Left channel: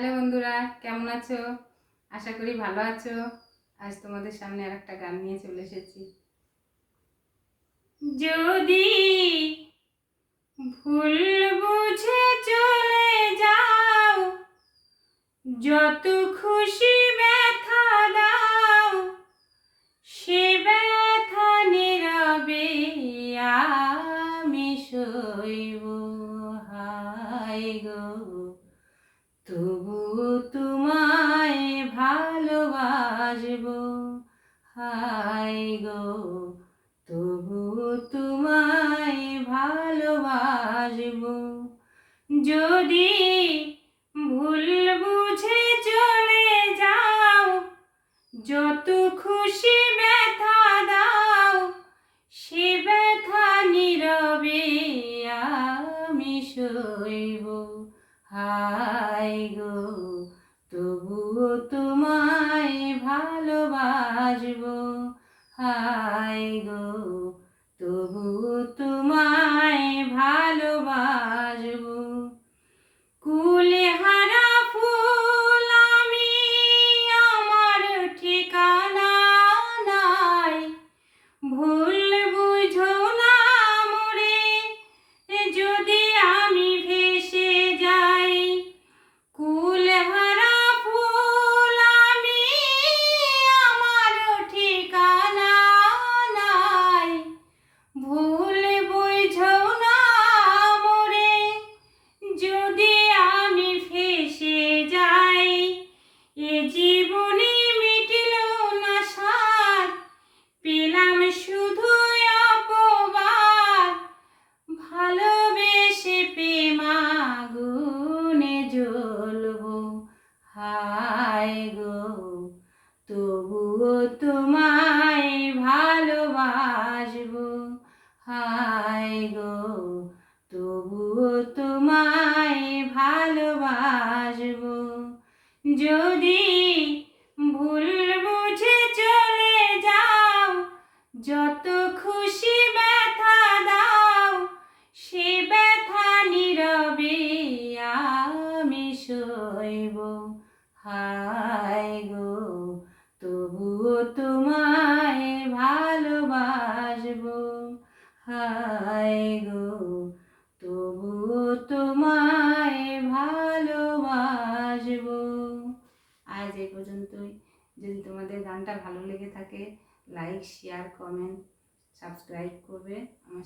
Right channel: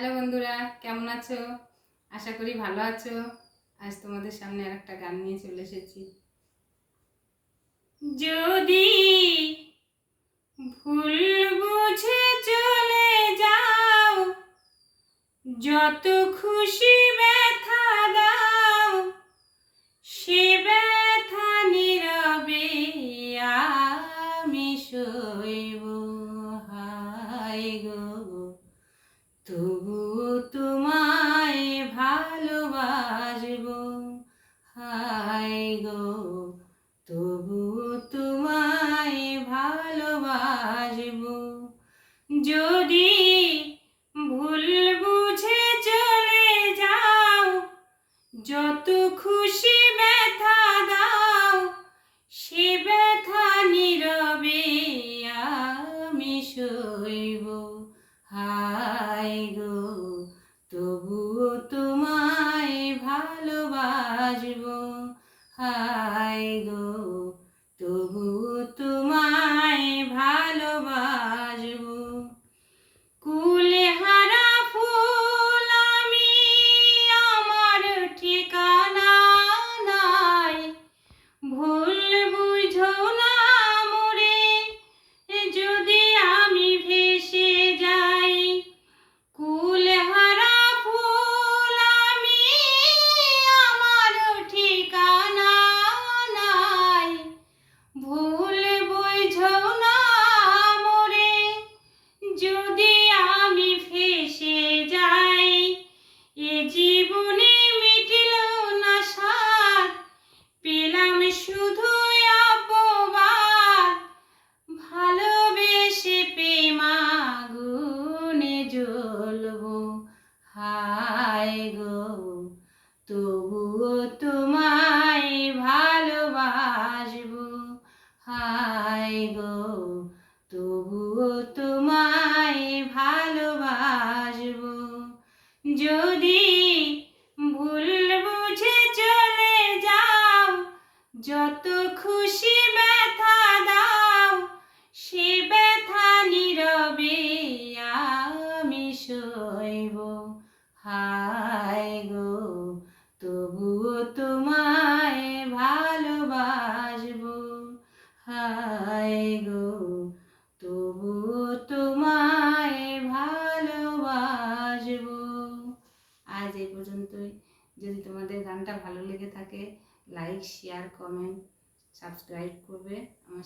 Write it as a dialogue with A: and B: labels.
A: Hello বন্ধুরা, কেমন আছো? আশা করি ভালো আছো। আজ তোমাদের সামনে আর একটা গান নিয়ে চলে এসেছি। যদি ভুল বুঝে চলে যাও, যত খুশি ব্যথা দাও, সে ব্যথা তোমায় ভালোবাসব। যদি ভুল বুঝে চলে যাও, যত খুশি ব্যথা দাও, সে ব্যথা নীরবে আমি সইব। হায় গো, তবুও তোমায় ভালোবাসব। হায় গো। তবুও হায় গো তবুও তোমায় ভালোবাসব। হায় গো তবুও তোমায় ভালোবাসব। যদি হায় গো, তবু তোমায় ভালোবাসব। আজ এই পর্যন্তই। যদি তোমাদের গানটা ভালো লেগে থাকে লাইক শেয়ার কমেন্ট সাবস্ক্রাইব করবে। আমার